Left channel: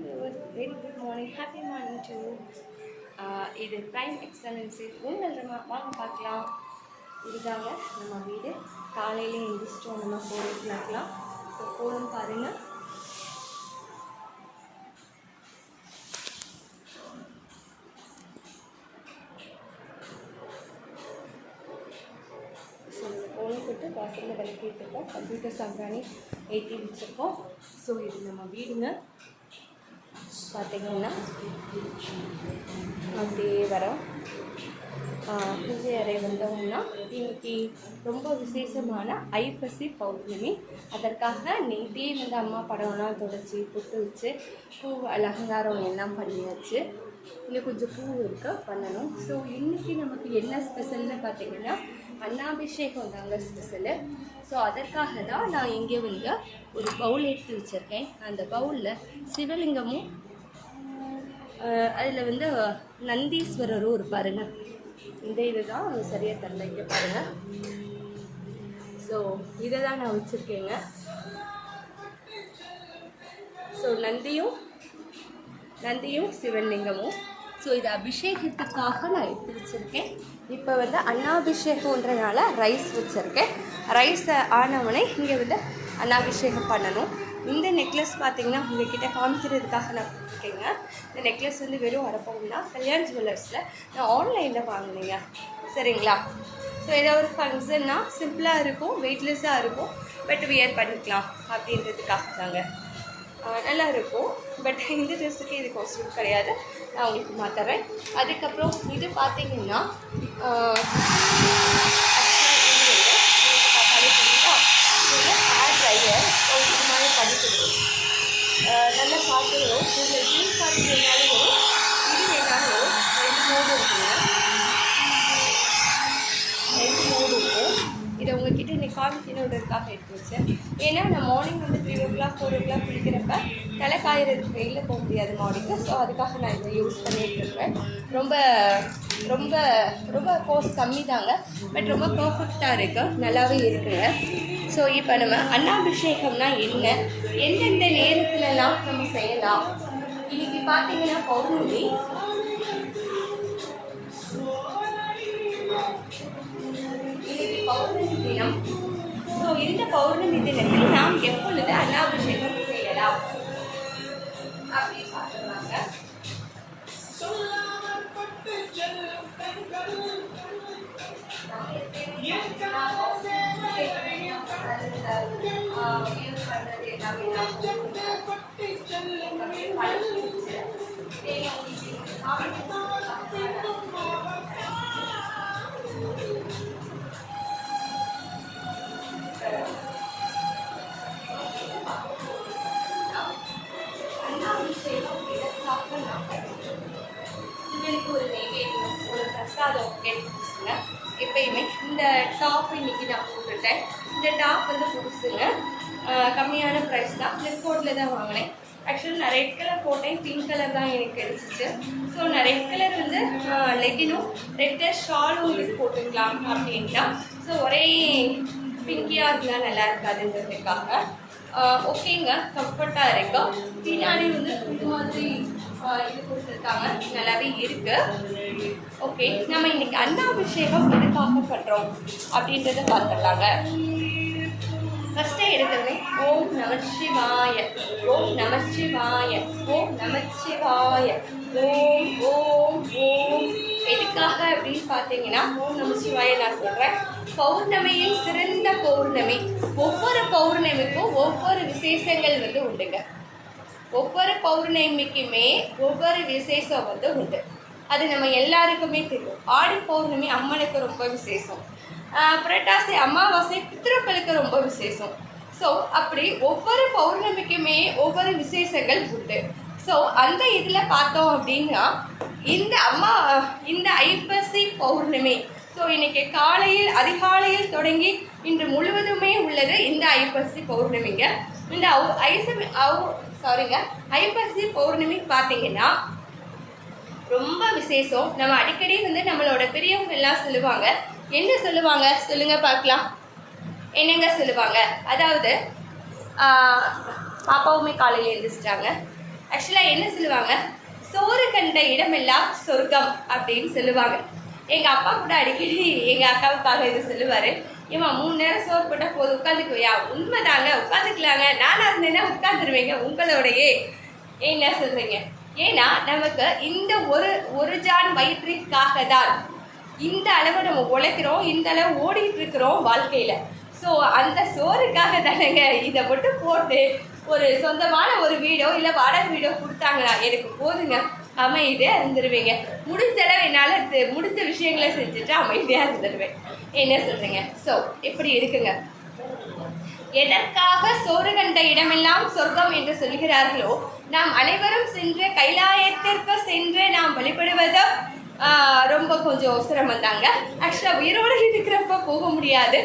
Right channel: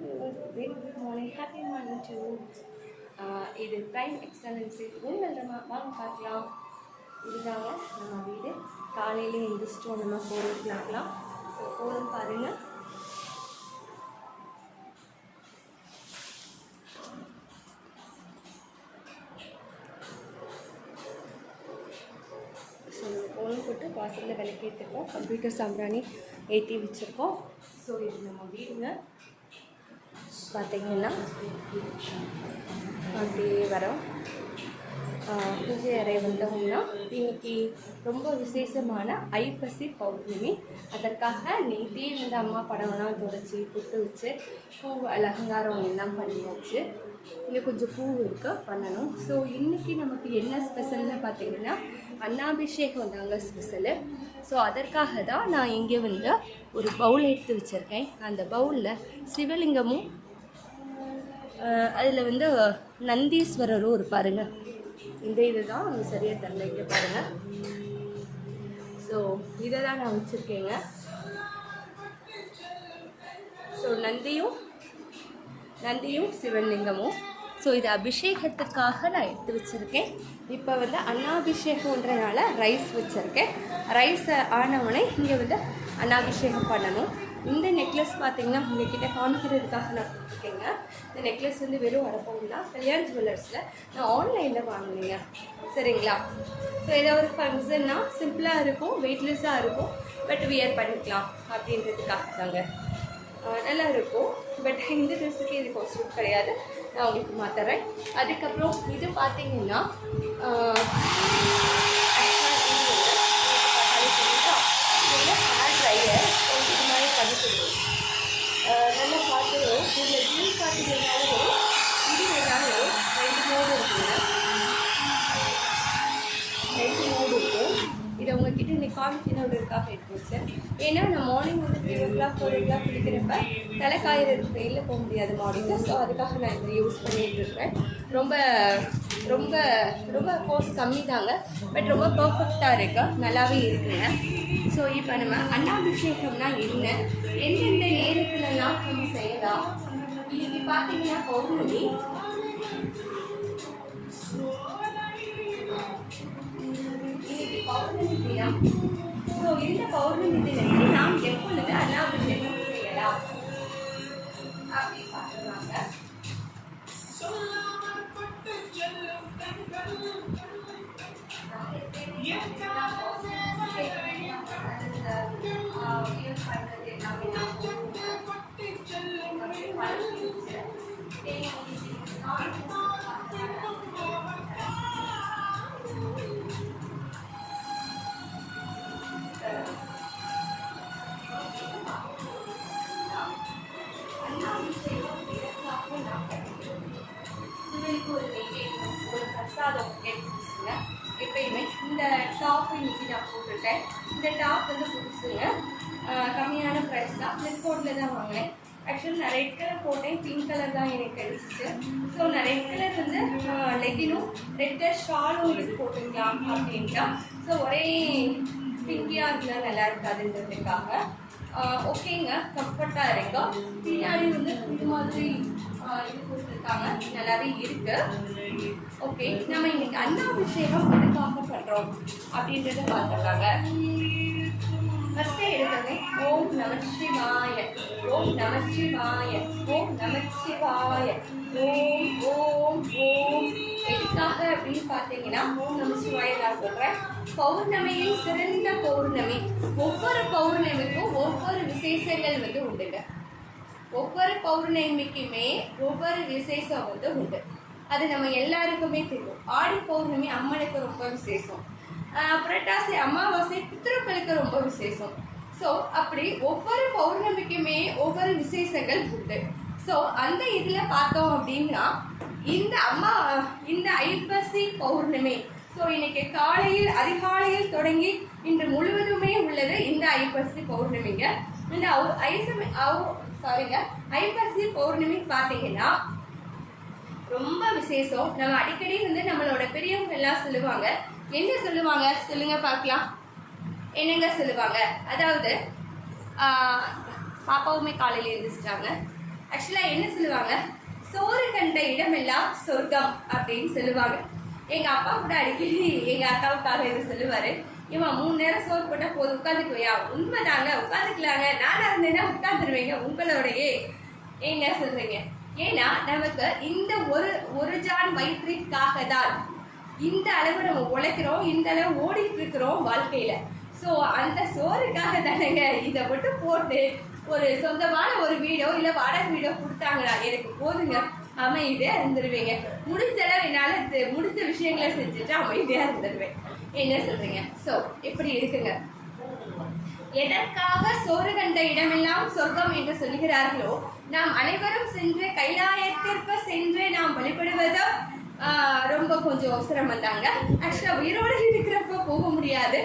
viewers, very good morning, happy morning to you. இது prime எக்ஸலன்ஸி உங்கள் வாங்க பார்க்கலாம். இதுதாங்க நம்ம வீடு. காலையில் எழுந்திரிச்சிட்டோம் நம்ம 4 o'clockலாம். ஸோ போகணும் பாருங்கள். ஸோ நம்ம கோலம் போட்டு வாசலில் விளக்கிட்டுருக்கோம். கம்ப்யூட்டர் சாம்பிராணி ஏற்றி வச்சுருக்கோம். ஸோ இது நம்ம வீடுங்க. பார்த்திங்கன்னா அப்படியே வரோம். பூஜை அறை வந்தோம்னா இன்னைக்கு ரொம்ப விசேஷமான ஐப்பசி பௌர்ணமி. அதற்காக நேற்றே வந்து அம்மா படம்லாம் தொடச்சி புட்டு வச்சு பூ அலங்காரம் எல்லாம் பண்ணியாச்சு. இன்னும் கொஞ்சம் பூ இருக்க பண்ணணும். ஸோ இன்றைக்கி நமக்கு என்ன ஸ்பெஷல்னு பார்த்திங்கன்னா அன்னாபிஷேகம் தாங்க ஸ்பெஷலு. ஸோ அதற்காக தான் நான் இங்கே வந்து ஒரு பவுல் எடுத்து வச்சுருக்கேன். அந்த பவுலில் சிவலிங்கமும் அதில் வந்து நந்தீஸ்வரரும் இருப்பாருங்க. இந்த இது தான் சரியாக தரல, இங்கே பாருங்கள். ஸோ இதை தான் நான் வச்சுருக்கேங்க. ஸோ நந்தியும் சிவலிங்கமும். ஸோ இது அபிஷேகத்துக்காக நான் எடுத்து வச்சுருக்கேன். இப்போ வந்து அன்னாபிஷேகன்றனால ரைஸ் வச்சுருக்கேன். ரைஸ் ஆனவனே இங்கே வந்து அன்னாபிஷேகம் பண்ணணும். இந்த நெக்லஸ் பார்த்திங்கன்னா உங்கள்கிட்ட காமிக்கிறதுக்காக நான் கொடுத்துருக்கேங்க. இந்த நெக்லஸ் வந்து வெறும் வரப்போம்னா கல்யாண் ஜுவல்லர்ஸில் நான் ஆன்லைனில் வாங்கினேங்க. சரிங்களா? ஸோ ஏதாவது ஒரு ஃபங்க்ஷன்னா சிம்பிளாக இருக்கும், வெயிட்லெஸ்ஸாக இருக்கும், பட் வியர் பண்ணிக்கலாம் அப்படின்றதுக்காக தாங்க. நல்லா இருக்கும். பட் இந்த ட்ரெஸ்ஸுக்கு இது காஸ்ட்யூம் கிடையாது, நான் உங்களுக்கு மாற்றுறேன். அதுக்கப்புறம் இது பார்த்திங்கன்னா ஹேர் ட்ரையர். ஸோ இது மாதிரி பண்ணி கொடுக்கும். நல்லா பார்த்துடும். இதில் ஜீன்ஸ் பார்த்து வேணாலும் வரும், இது வேணாலும் வரும். 2 மோடு இருக்குங்க. 2 மோடு இருக்குது. இதை உங்கள்கிட்ட இன்னைக்கு காமிக்கணுன்றதுக்காக எடுத்து வச்சேன். ஏன்னா நான் மார்னிங் வந்து 3 o'clock 4 o'clock குளிக்கிறப்ப தலை காயறதுக்கு வெயிலில் போக முடியாது மார்னிங்கு. ஸோ அதுக்காக நான் இதை யூஸ் பண்ணிகிட்டு இருக்கேன். ரொம்ப ரொம்ப ரொம்ப கோர்ஸ் கம்மி தாங்க, பட் ரொம்ப பர்ஃபெக்டாக இருக்கு, நல்லாவே இருக்குங்க. ஸோ இப்போ நம்ம அன்னாபிஷேகம்னா என்ன, எந்தெந்த நேரத்துலலாம் நம்ம செய்யலாம். இன்னைக்கு பார்த்தீங்கன்னா பௌர்ணமி. இன்னைக்கு பௌர்ணமி தினம். ஸோ இந்த பௌர்ணமி தினத்தில் நாம் எப்பொழுது அன்னாபிஷேகம் செய்யலாம் அப்படின்னு பார்த்துருவாங்க. சிவனுக்கு ஒரு நெய்வேத்தியம், ஒரு பிரசாதம் எடுத்து வச்சுங்க. எப்பயுமே இந்த டாப் இன்றைக்கி நான் போட்டுட்டேன். இந்த டாப் வந்து புதுசுங்க, கம்மியான ப்ரைஸ் தான், ஃப்ளிப்கார்ட்டில் தான் வாங்கினேன். ஆக்சுவலி நான் ரெட் கலர் போட்டேன், பிங்க் கலர் தான் எனக்கு கிடைச்சிச்சு. ஸோ நான் ரெட் கலர் வந்து லெகினும் ரெட் கலர் ஷாலும் இதுக்கு போட்டுக்கலாம் அப்படின்ட்டா. ஸோ ஒரே பிங்கியாக இருந்தால் நல்லா இருக்காதுன்றதுக்காக ஓகேங்க, கம்ஃபர்ட்டாக இருக்கும். பின்னாடி வந்து இது மாதிரி இது கொடுத்துருக்காங்க, நல்லாவே இருக்குது. ஓகே, நம்ம இன்னைக்கு அன்னாபிஷேகம் எதுக்காக பண்ணுறோம் அப்படின்றத பார்த்துடலாங்க. ஃபஸ்ட்டே எடுத்தோடனே ஓம் நமச்சிவாய, ஓம் நமச்சிவாய, ஓம் நமச்சிவாய, ஓம் ஓம் ஓம். எதுக்காக அப்படின்னு பார்த்தீங்கன்னா ஓம் நமச்சிவாய நான் சொல்கிறேன். பௌர்ணமியில் சிறந்த பௌர்ணமி. ஒவ்வொரு பௌர்ணமிக்கும் ஒவ்வொரு விசேஷங்கள் வந்து உண்டுங்க. ஒவ்வொரு பௌர்ணமிக்குமே ஒவ்வொரு விசேஷம் வந்து உண்டு. அது நம்ம எல்லாருக்குமே தெரியும். ஆடி பௌர்ணமி அம்மனுக்கு ரொம்ப விசேஷம். புரட்டாசி அமாவாசை பித்ருக்களுக்கு ரொம்ப விசேஷம். ஸோ அப்படி ஒவ்வொரு பௌர்ணமிக்குமே ஒவ்வொரு விசேஷங்கள் உண்டு. ஸோ அந்த இதில் பார்த்தோம் அப்படின்னா இந்த ஐப்பசி பௌர்ணமி. ஸோ இன்றைக்கி காலையில் அதிகாலையில் தொடங்கி இன்று முழுவதுமே உள்ளது இந்த ஐப்பசி பௌர்ணமிங்க. இந்த ஐப்பசி பௌர்ணமி பார்த்தீங்கன்னா ரொம்ப விசேஷம். நம்ம அடிக்கடி வந்து நம்மளோட பெரியவங்க எல்லாம் சொல்லுவாங்க. என்ன சொல்லுவாங்க சொல்லுங்க பார்க்கலாம். என்னங்க சொல்லுவாங்க? அதாவது பாப்பாவுமே காலையில் எழுந்திரிச்சிட்டாங்க. ஆக்சுவலாக என்ன சொல்லுவாங்க, சோறு கண்ட இடமெல்லாம் சொர்க்கம் அப்படின்னு சொல்லுவாங்க. எங்கள் அப்பா கூட அடிக்கடி எங்கள் அக்காவுக்காக இது சொல்லுவார். ஏமா 3 நேரம் சோறு போட்டால் போதும், உட்காந்துக்குவியா? உண்மை தாங்க, உட்காந்துக்கலாங்க. நானாக இருந்தேன்னா உட்காந்துருவேங்க உங்களோடையே. என்ன சொல்கிறீங்க? ஏன்னா நமக்கு இந்த ஒரு ஜான் வயிற்றிற்காக தான் இந்த அளவு நம்ம உழைக்கிறோம், இந்த அளவு ஓடிட்டு இருக்கிறோம் வாழ்க்கையில். ஸோ அந்த சோறுக்காக தானேங்க இதை மட்டும் போட்டு ஒரு சொந்தமான ஒரு வீடோ இல்லை வாடகை வீடோ கொடுத்தாங்கன்னா எனக்கு போதுங்க, அமைதியாக இருந்துருவீங்க. முடிஞ்சளவு என்னால் முடிஞ்ச விஷயங்களை செஞ்சுட்டு அமைதியாக இருந்துருவேன். என்ன சொல்கிறீங்க? ஸோ இப்படி இருக்குங்க. எதற்காக சோறு கண்ட இடமெல்லாம் சொர்க்கம் என்று சொல்கிறார்களோ, நாம் அனைவரும் சென்று கைலாயத்திற்கு சென்று நாம் வழிபடுவதோ ரொம்ப கொஞ்சம் சிரமம் தாங்க. ஆக்சுவலாக உயிரோடு இருக்கிறப்ப போக முடியாது.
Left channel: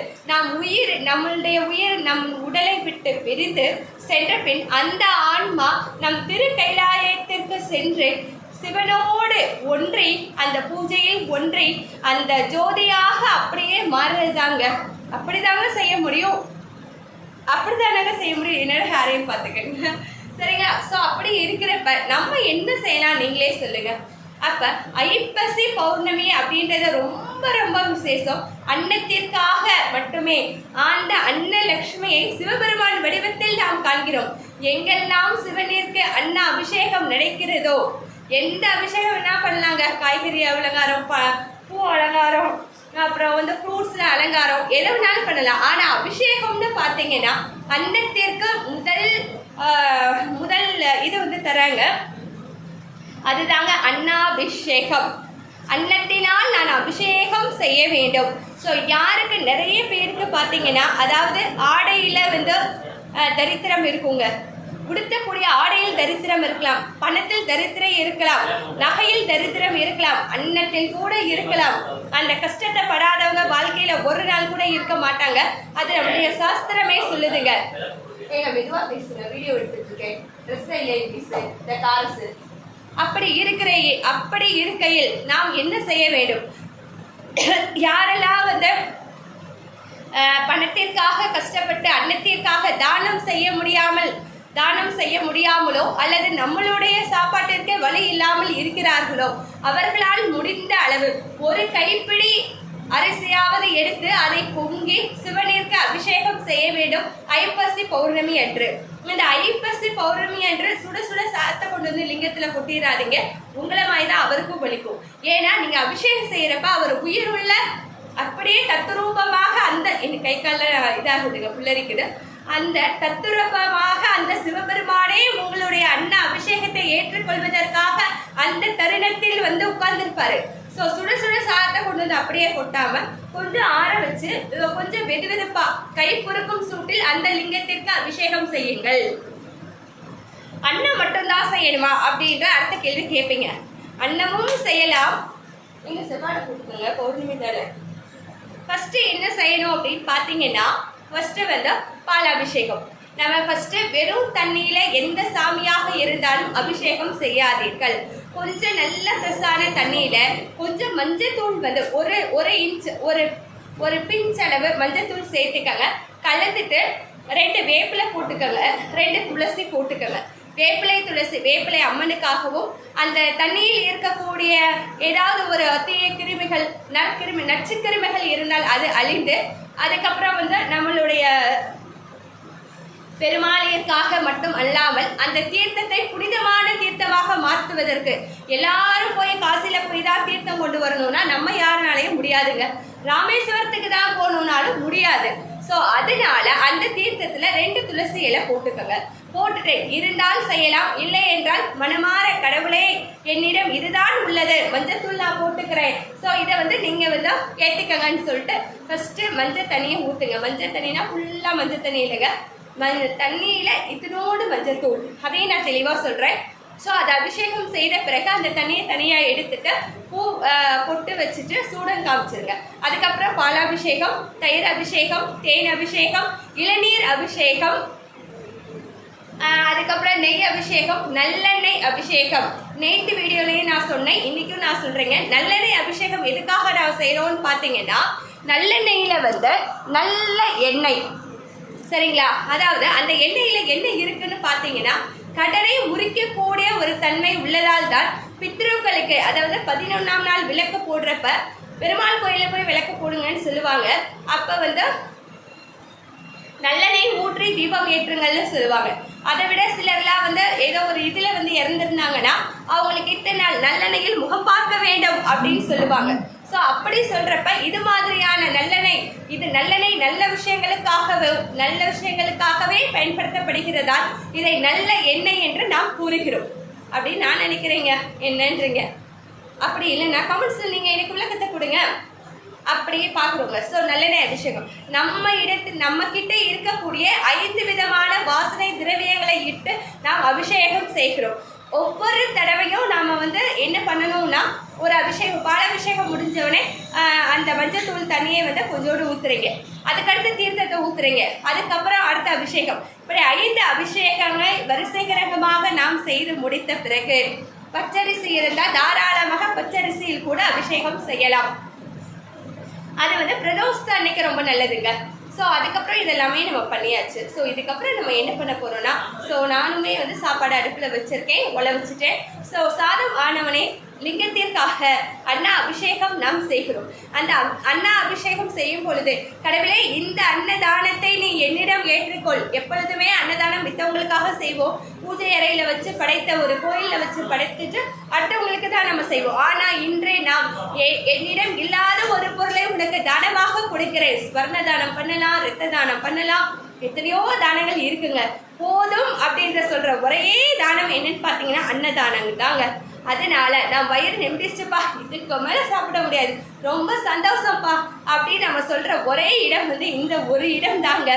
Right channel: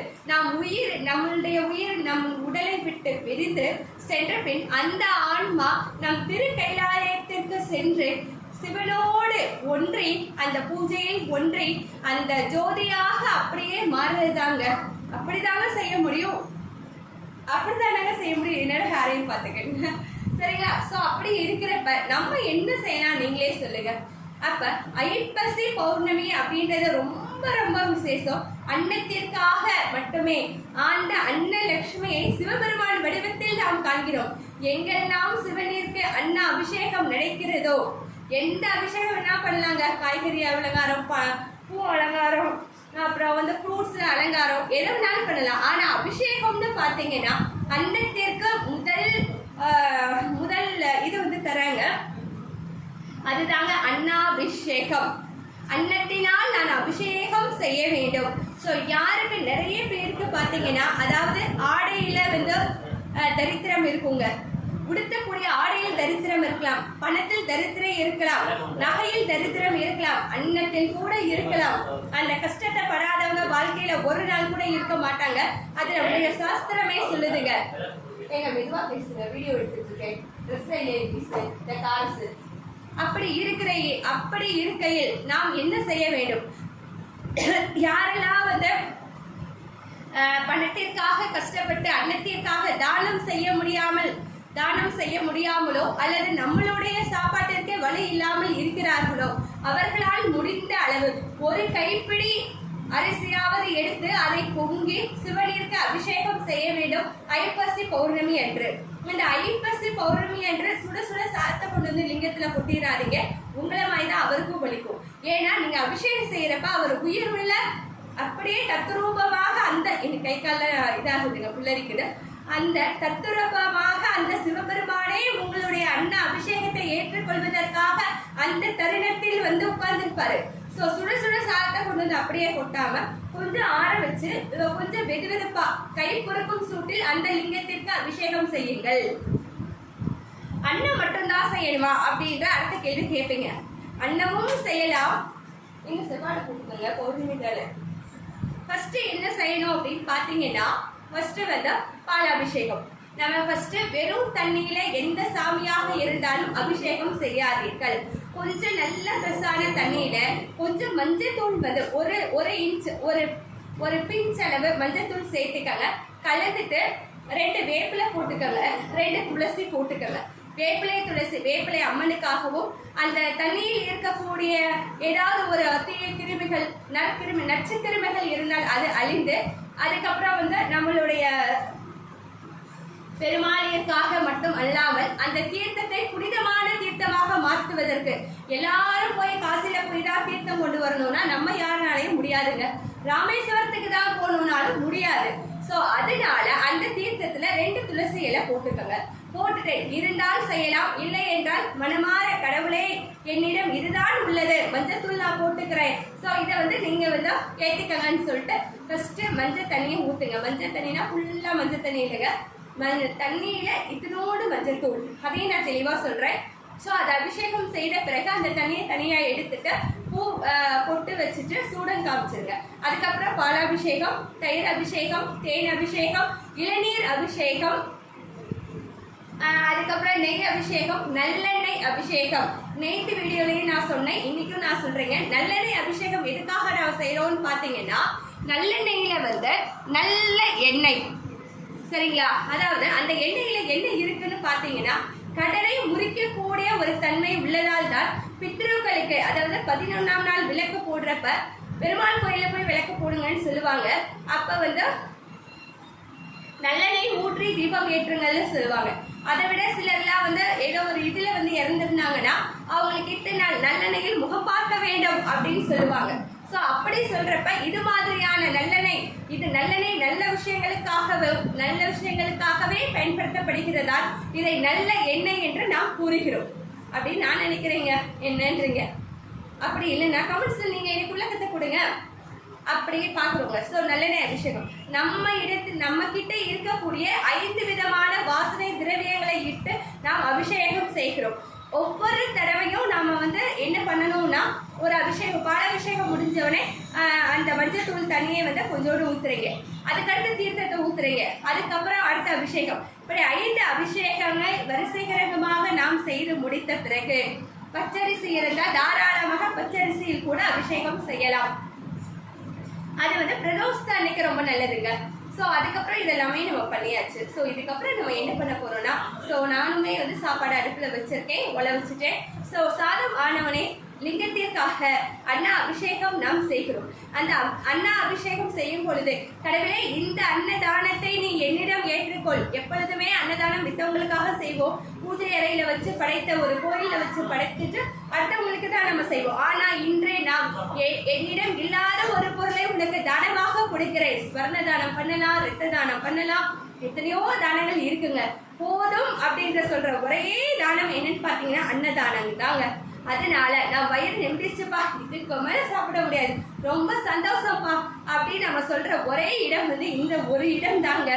நம்மளுடைய உயிர் நம் உடலை விட்டு பிரிந்து சென்ற பின் அந்த ஆன்மா நம் திரு கைலாயத்திற்கு சென்று சிவனோடு ஒன்றி அந்த பூஜையில் ஒன்றி அந்த ஜோதியாக அப்படியே மாறுறதாங்க. அப்படிதாங்க செய்ய முடியும், அப்படித்தானாங்க செய்ய முடியும். என்னோட ஹேரையும் பார்த்துக்கங்க, சரிங்களா? ஸோ அப்படி இருக்கிறப்ப நம்ம என்ன செய்யலாம் நீங்களே சொல்லுங்க. அப்போ ஐப்பசி பௌர்ணமி அப்படின்றது ரொம்ப ரொம்ப விசேஷம். அன்னத்திற்காக மட்டுமே ஆண்ட அன்னலட்சுமியை சிவபெருமான் வடிவத்தில் நாம் காண்கிறோம். எங்கெல்லாம் சிவனிற்கு அன்ன அபிஷேகம் நடக்கிறதோ, எந்த அபிஷேகம் என்ன பண்ணலாங்க, காய்கறி அலங்காரம், பூ அலங்காரம், அப்புறம் ஃப்ரூட்ஸில் அலங்காரம், எதை வேணாலும் பண்ணலாம். ஆனால் அபிஷேகம்னு பார்த்தீங்கன்னா அன்னத்திற்கு முதல் இது தராங்க, அதுதாங்க அன்னாபிஷேகம். அன்னத்தினால் நான் அபிஷேகம் செய்ய வேண்டும். ஸோ யாருக்கு நிறைய பேருக்கு பார்த்தீங்கன்னா, அதாவது ஆடையில் தரித்திரம் இருக்குங்க, உடுத்தக்கூடிய ஆடையில் தரித்திரம் இருக்கலாம், பணத்தில் தரித்திரம் இருக்கலாம், நகையில் தரித்திரம் இருக்கலாம், அன்னத்தில் கூட இருக்கலாம். அந்த கஷ்டத்தை படாதவங்க வாழ்க்கையில் ஒரு நாள் கூட இருக்க மாட்டாங்க. அது நம்முடைய சாஸ்திரமே சொல்லுதுங்க. எங்க மெதுவாக பேசுங்க, வீடியோ எடுத்துருக்கேன். ட்ரெஸ் இல்லை இந்த காசு அப்படி இருக்கையில் நாம் என்ன செய்ய வேண்டும்? யாரெல்லாம் பணத்திற்காக கஷ்டப்பட்டு அன்னத்திற்காக தானம் செய்ய முடியாமலோ அல்லது நம்மளுடைய சாப்பாட்டிற்கு வழி இல்லாமல் இருக்கிறார்களோ, அவர்களால் முடிந்த அளவு ஒரு கைப்பிடி அரிசியாவது எடுத்து அதை பொங்கி சிவனிற்கு அபிஷேகம் செய்ய வேண்டும் ஐப்பசி பௌர்ணமி அன்று. இந்த ஐப்பசி பௌர்ணமி அன்று சுட சுட சாத்தை கொண்டு லிங்கத்தில் கொட்டிடாதீங்க. உங்களை மாதிரி தான் அவருக்கும் வலிக்கும். ஏன்னா நீங்க அபிஷேகம் செய்யறப்ப அவர் உயிர் உள்ள அப்படியே தத்துரூபமாக அந்த என் கை கால இதாகுதுங்க புல்லரிக்குது, அந்த தத்துரூபமாக அந்த சிவபெருமானே உங்களுடைய அன்ன அபிஷேகத்தை ஏற்றுக்கொள்வதற்காக அந்த தருணத்தில் உட்கார்ந்துருப்பாரு. ஸோ சுட சுட சாதத்தை கொண்டு அப்படியே கொட்டாம கொஞ்சம் ஆற வச்சு கொஞ்சம் வெதுவெதுப்பா கை பொறுக்கும் சூட்டில் அந்த லிங்கத்திற்கு அபிஷேகம் செய்யுங்கள். அன்னம் மட்டும்தான் செய்யணுமா அப்படின்ற அடுத்த கேள்வி கேட்பீங்க. அன்னமும் செய்யலாம். நீங்கள் செவ்வாடை போட்டுக்கோங்க, பௌர்ணமி தானே. ஃபர்ஸ்ட் என்ன செய்யணும் அப்படின்னு பார்த்தீங்கன்னா, ஃபர்ஸ்ட் பாலாபிஷேகம். நம்ம ஃபர்ஸ்ட் வெறும் தண்ணியில எந்த சாமியாக இருந்தாலும் அபிஷேகம் செய்யாதீர்கள். கொஞ்சம் நல்ல ஃப்ரெஷ்ஷான தண்ணியில கொஞ்சம் மஞ்சத்தூள் ஒரு இன்ச் ஒரு பிஞ்ச் அளவு மஞ்சத்தூள் சேர்த்துக்கங்க. கலந்துட்டு 2 வேப்பிலை போட்டுக்கோங்க, 2 துளசி போட்டுக்கோங்க. வேப்பிலை துளசி, வேப்பிலை அம்மனுக்காகவும் அந்த தண்ணியில் இருக்கக்கூடிய ஏதாவது ஒரு தீய கிருமிகள் நச்சுக்கிருமிகள் இருந்தால் அது அழிந்து, அதுக்கப்புறம் நம்மளுடைய பெருமாளியற்காக மட்டும் அல்லாமல் அந்த தீர்த்தத்தை புனிதமான தீர்த்தமாக மாற்றுவதற்கு எல்லாரும் போய் காசில போய் தான் தீர்த்தம் கொண்டு வரணும்னா நம்ம யாருனாலையும் முடியாதுங்க. ராமேஸ்வரத்துக்கு தான் போகணும்னாலும் முடியாது. ஸோ அதனால அந்த தீர்த்தத்துல 2 துளசி இலை போட்டுக்கோங்க. போட்டுட்டு இருந்தால் செய்யலாம், இல்லை என்றால் மனமாற கடவுளே என்னிடம் இதுதான் உள்ளது, மஞ்சத்தூள் நான் போட்டுக்கிறேன், ஸோ இதை நீங்க ஏற்றுக்கங்கன்னு சொல்லிட்டு ஃபர்ஸ்ட் மஞ்சள் தண்ணியை ஊற்றுங்க. மஞ்சள் தண்ணினா ஃபுல்லாக மஞ்சள் தண்ணி இல்லைங்க, தண்ணியில இதனோடு மஞ்சத்தூள், அதையும் நான் தெளிவாக சொல்றேன். ஸோ அதை அபிஷேகம் செய்த பிறகு அந்த தண்ணியை தனியாக எடுத்துட்டு பூ பொட்டு வச்சுட்டு சூடம் காமிச்சிருங்க. அதுக்கப்புறம் பாலாபிஷேகம், தயிர் அபிஷேகம், தேன் அபிஷேகம், இளநீர் அபிஷேகம், அதுக்கப்புறம் நெய் அபிஷேகம், நல்லெண்ணெய் அபிஷேகம். நேற்று வீடியோலையும் நான் சொன்னேன், இன்னைக்கும் நான் சொல்றேங்க. நல்லெண்ணெய் அபிஷேகம் எதுக்காக நான் செய்யறோம்னு பார்த்தீங்கன்னா, நல்லெண்ணெயில நல்ல எண்ணெய், சரிங்களா? அதாவது அந்த எண்ணெயில் என்ன இருக்குன்னு பார்த்தீங்கன்னா கடனை முறிக்கக்கூடிய ஒரு தன்மை உள்ளதால் தான் பித்ருக்களுக்கு, அதாவது 11ஆம் நாள் விளக்கு போடுறப்ப பெருமாள் கோயிலில் போய் விளக்கு போடுங்கன்னு சொல்லுவாங்க. அப்போ நல்லெண்ணெய் ஊற்றி தீபம் ஏற்றுங்கள்னு சொல்லுவாங்க. அதை விட சிலர்லாம் ஏதோ ஒரு இதில் இறந்துருந்தாங்கன்னா அவங்களுக்கு இத்தனை நாள் நல்லெண்ணெயில் முகம் பார்க்க வேண்டும் அப்படின்னு சொல்லுவாங்க. ஸோ அப்படி சொல்கிறப்ப இது மாதிரியான நல்லெண்ணெய், இது நல்லெண்ணெய் நல்ல விஷயங்களுக்காகவே பயன்படுத்தப்படுகிறதால் இதை நல்ல எண்ணெய் என்று நாம் கூறுகிறோம் அப்படின்னு நான் நினைக்கிறேங்க. என்னன்றீங்க? அப்படி இல்லைன்னா கமெண்ட்ஸில் நீங்கள் எனக்கு விளக்கத்தை கொடுங்க. அப்படியே பார்க்குறோங்க. ஸோ நல்லெண்ணெய் அபிஷேகம் நம்ம கிட்ட இருக்கக்கூடிய 5 விதமான வாசனை திரவியங்களை இட்டு நாம் அபிஷேகம் செய்கிறோம். ஒவ்வொரு தடவையும் நாம் என்ன பண்ணணும்னா, ஒரு பால் அபிஷேகம் முடிஞ்சவொடனே அந்த மஞ்சத்தூள் தண்ணியை கொஞ்சோடு ஊற்றுறீங்க, அதுக்கடுத்து தீர்த்தத்தை ஊற்றுறீங்க, அதுக்கப்புறம் அடுத்த அபிஷேகம், இப்படி 5 அபிஷேகங்கள் வரிசைகரமாக நாம் செய்து முடித்த பிறகு பச்சரிசி இருந்தால் தாராளமாக பச்சரிசியில் கூட அபிஷேகம் செய்யலாம். அது பிரதோஷத்து அன்னைக்கு ரொம்ப நல்லதுங்க. ஸோ அதுக்கப்புறம் இதெல்லாமே நம்ம பண்ணியாச்சு. ஸோ இதுக்கப்புறம் நம்ம என்ன பண்ண போகிறோம்னா, ஸோ நானுமே சாப்பாடு அடுப்பில் வச்சுருக்கேன், உலை வச்சுட்டேன். ஸோ சாதம் ஆனவனே லிங்கத்திற்காக அண்ணா அபிஷேகம் நாம் செய்கிறோம். அந்த அண்ணா அபிஷேகம் செய்யும் பொழுது, கடவுளே இந்த அன்னதானத்தை நீ என்னிடம் ஏற்றுக்கொள். எப்பொழுதுமே அன்னதானம் மித்தவங்களுக்காக செய்வோம், பூஜை அறையில் வச்சு படைத்த ஒரு கோயிலில் வச்சு படைத்துட்டு அடுத்தவங்களுக்கு தான் நம்ம செய்வோம். ஆனால் இன்றே நாம் என்னிடம் இல்லாத ஒரு பொருளை உனக்கு தானமாக கொடுக்கிறேன். ஸ்வர்ண தானம் பண்ணலாம், இரத்த தானம் பண்ணலாம், எத்தனையோ தானங்கள் இருக்குங்க. போதும் அப்படின்ற சொல்கிற ஒரே தானம் என்னன்னு பார்த்தீங்கன்னா அன்னதானங்க தாங்க. அதனால நான் வயிறு நிமிடிச்சுப்பா, இதுக்கு மேலே சாப்பிட முடியாது, ரொம்ப சந்தோஷம்ப்பா அப்படின்னு நம்ம சொல்கிற ஒரே இடம் இந்த ஒரு இடம் தாங்க.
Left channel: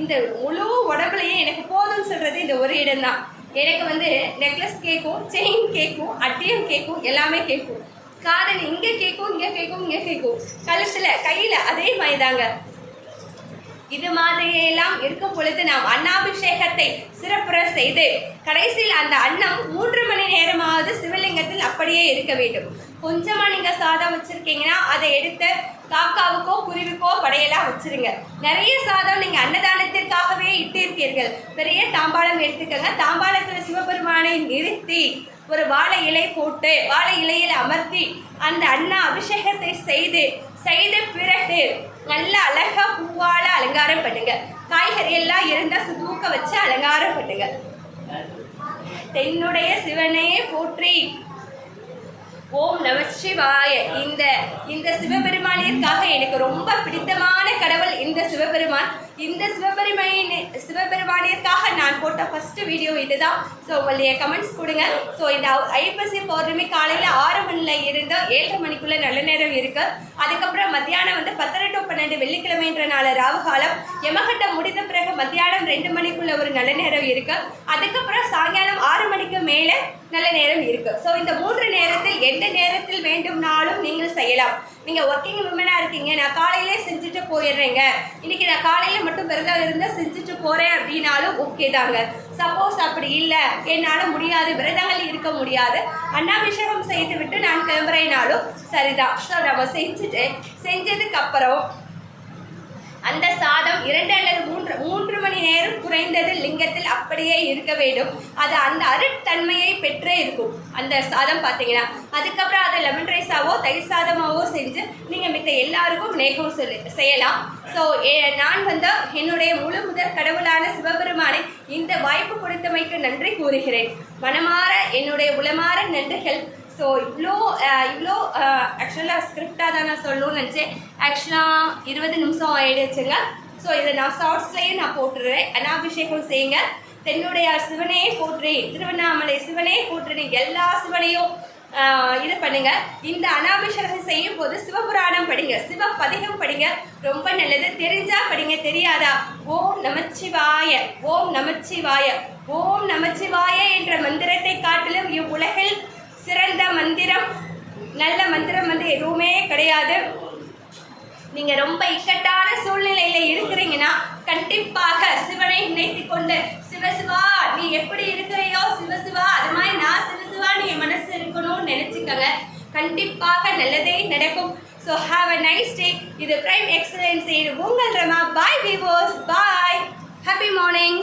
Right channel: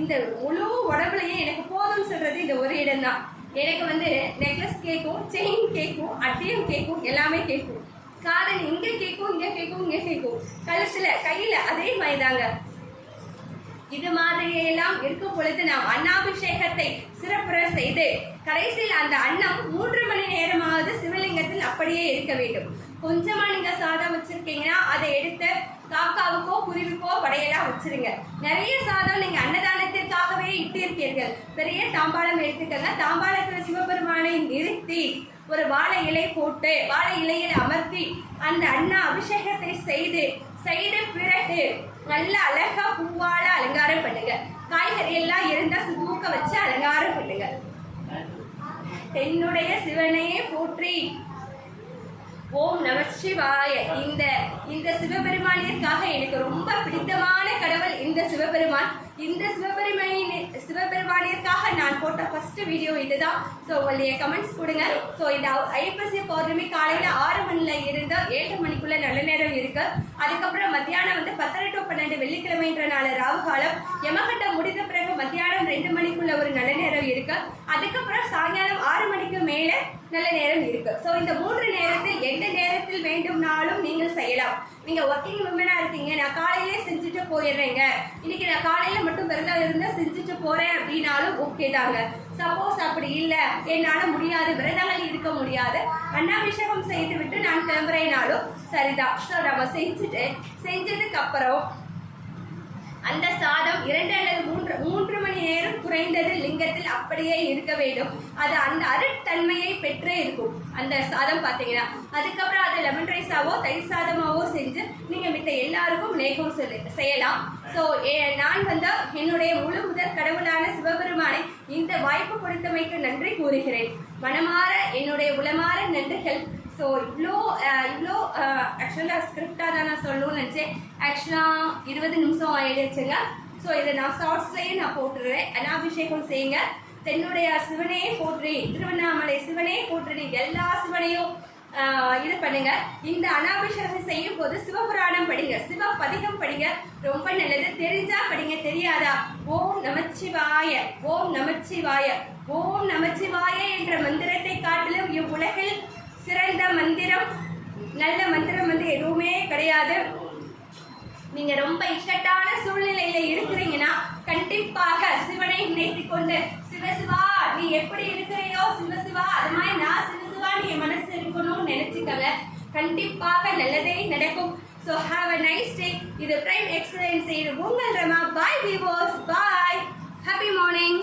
இந்த முழு உடம்புலையே எனக்கு போதும்னு சொல்கிறது இந்த ஒரு இடம் தான். எனக்கு நெக்லஸ் கேட்கும், செயின் கேட்கும், அட்டியம் கேட்கும், எல்லாமே கேட்கும். காதல் இங்கே கேட்கும், இங்கே கேட்கும், இங்கே கேட்கும், கழுத்தில் கையில் அதே மாதிரி தாங்க. இது மாதிரியெல்லாம் இருக்கும் பொழுது நாம் அன்னாபிஷேகத்தை சிறப்புற செய்து கடைசியில் அந்த அன்னம் 3 மணி நேரமாவது சிவலிங்கத்தில் அப்படியே இருக்க வேண்டும். கொஞ்சமாக நீங்கள் சாதம் வச்சுருக்கீங்கன்னா அதை எடுத்து காக்காவுக்கோ குருவிக்கோ படையெல்லாம் வச்சுருங்க. நிறைய சாதம் நீங்கள் அன்னதானத்திற்காகவே இட்டிருக்கீர்கள், பெரிய தாம்பாளம் எடுத்துக்கங்க. தாம்பாளத்தில் சிவபெருமானை நிறுத்தி ஒரு வாழை இலை போட்டு வாழை இலையில் அமர்த்தி அந்த அன்னா அபிஷேகத்தை செய்த பிறகு நல்ல அழகா பூவால அலங்காரம் பண்ணுங்க. காய்கறி எல்லாம் இருந்தால் தூக்க வச்சு அலங்காரம் பண்ணுங்க. தென்னுடைய சிவனையே போற்றி, ஓம் நமச்சிவாய. இந்த சிவபெருமானிற்காக எனக்கு ரொம்ப பிடித்தமான கடவுள் இந்த சிவபெருமான். இந்த சிவபெருமானிற்காக நான் போட்ட ஃபர்ஸ்ட் வீடியோ இதுதான். ஸோ உங்களுடைய கமெண்ட்ஸ் கொடுங்க. ஸோ இந்த ஐப்பசி பௌர்ணமி காலையில் 6 மணியில் இருந்து 7 மணிக்குள்ளே நல்ல நேரம் இருக்கு. அதுக்கப்புறம் மத்தியானம் 10 to 12 வெள்ளிக்கிழமைன்ற நாள் ராவு காலம். யமகண்டம் முடிந்த பிறகு மத்தியானம் 2 மணிக்குள்ள ஒரு நல்ல நேரம் இருக்கு. அதுக்கப்புறம் சாயங்காலம் 6 மணிக்கு மேலே நல்ல நேரம் இருக்கு. ஸோ இந்த 3 நேரத்தில் எந்த நேரத்தில் வேண்டும்னாலும் நீங்கள் செய்யலாம். நீங்கள் ஒர்க்கிங் விமனாக இருக்கீங்க, நான் காலையிலே செஞ்சுட்டு போயிடுறேங்க, இன்றைக்கி நான் காலையில் மட்டும் விரதம் இருந்தால் செஞ்சுட்டு போகிறேன் அப்படின்னாலும் ஓகே தாங்க. சப்போஸ் அப்படி இல்லை, என்னால் முடியாது, விரதங்கள் இருக்க முடியாது, அன்னாபிஷேகம் செய்து விட்டு நான் கிளம்புறேனாலும் சரிதான். ஸோ நம்ம செஞ்சதுக்கப்புறம் அந்த சாதம் 2 அல்லது 3 மணி நேரம் குறைந்தது லிங்கத்தில் அப்படியே இருக்க வேண்டும். அது அந்த அருட்தன்மையை பெற்றே இருக்கும் அந்த சாதம் பார்த்தீங்கன்னா. அதுக்கப்புறம் அதை லெமன் ரைஸாவோ தயிர் சாதமாவோ செஞ்சு நீங்கள் மித்த எல்லாருக்கும் நேகம் செய்யலாம். ஸோ நான் என்னுடைய முழு முதற் கடவுளான சிவபெருமானை இந்த வாய்ப்பு கொடுத்தமைக்கு நன்றி கூறுகிறேன். மனமாற என்னுடைய உளமாற நன்றிகள். ஸோ இவ்வளோ ஆக்சுவலாக ஸ்கிரிப்டாக தான் நான் சொல்லணும்னு நினச்சேன். ஆக்சுவலாக 20 நிமிஷம் ஆகிடுச்சுங்க. ஸோ இதை நான் ஷார்ட்ஸ்லேயும் நான் போட்டுடுறேன். அனாபிஷேகம் செய்யுங்க. தென்னுடைய சிவனே போற்றி, திருவண்ணாமலை சிவனே போற்றி, எல்லா சிவனையும் இது பண்ணுங்க. இந்த அனாபிஷேகம் செய்யும் போது சிவபுராணம் படிங்க, சிவபதிகம் படிங்க, ரொம்ப நல்லது. தெரிஞ்சா படிங்க, தெரியாதா ஓம் நமச்சிவாய, ஓம் நமச்சிவாய, ஓம் நமச்சிவாய என்ற மந்திரத்தை காட்டிலும் இவ்வுலகில் சிறந்த மந்திரம், நல்ல மந்திரம் எதுவுமே கிடையாது. நீங்கள் ரொம்ப இக்கட்டான சூழ்நிலையில் இருக்கிறீங்கன்னா கண்டிப்பாக சிவனை நினைத்து கொண்டு சிவசிவா நீ எப்படி இருக்கிறையோ சிவசிவா அது மாதிரி நான் சிவசிவா நீ மனசு இருக்கணும்னு நினச்சிக்கங்க. கண்டிப்பாக நல்லதே நடக்கும். So have a nice day. இது பிரைம் எக்ஸலன்ஸ். இது உங்கள் ரமா. Bye viewers, bye. Happy morning.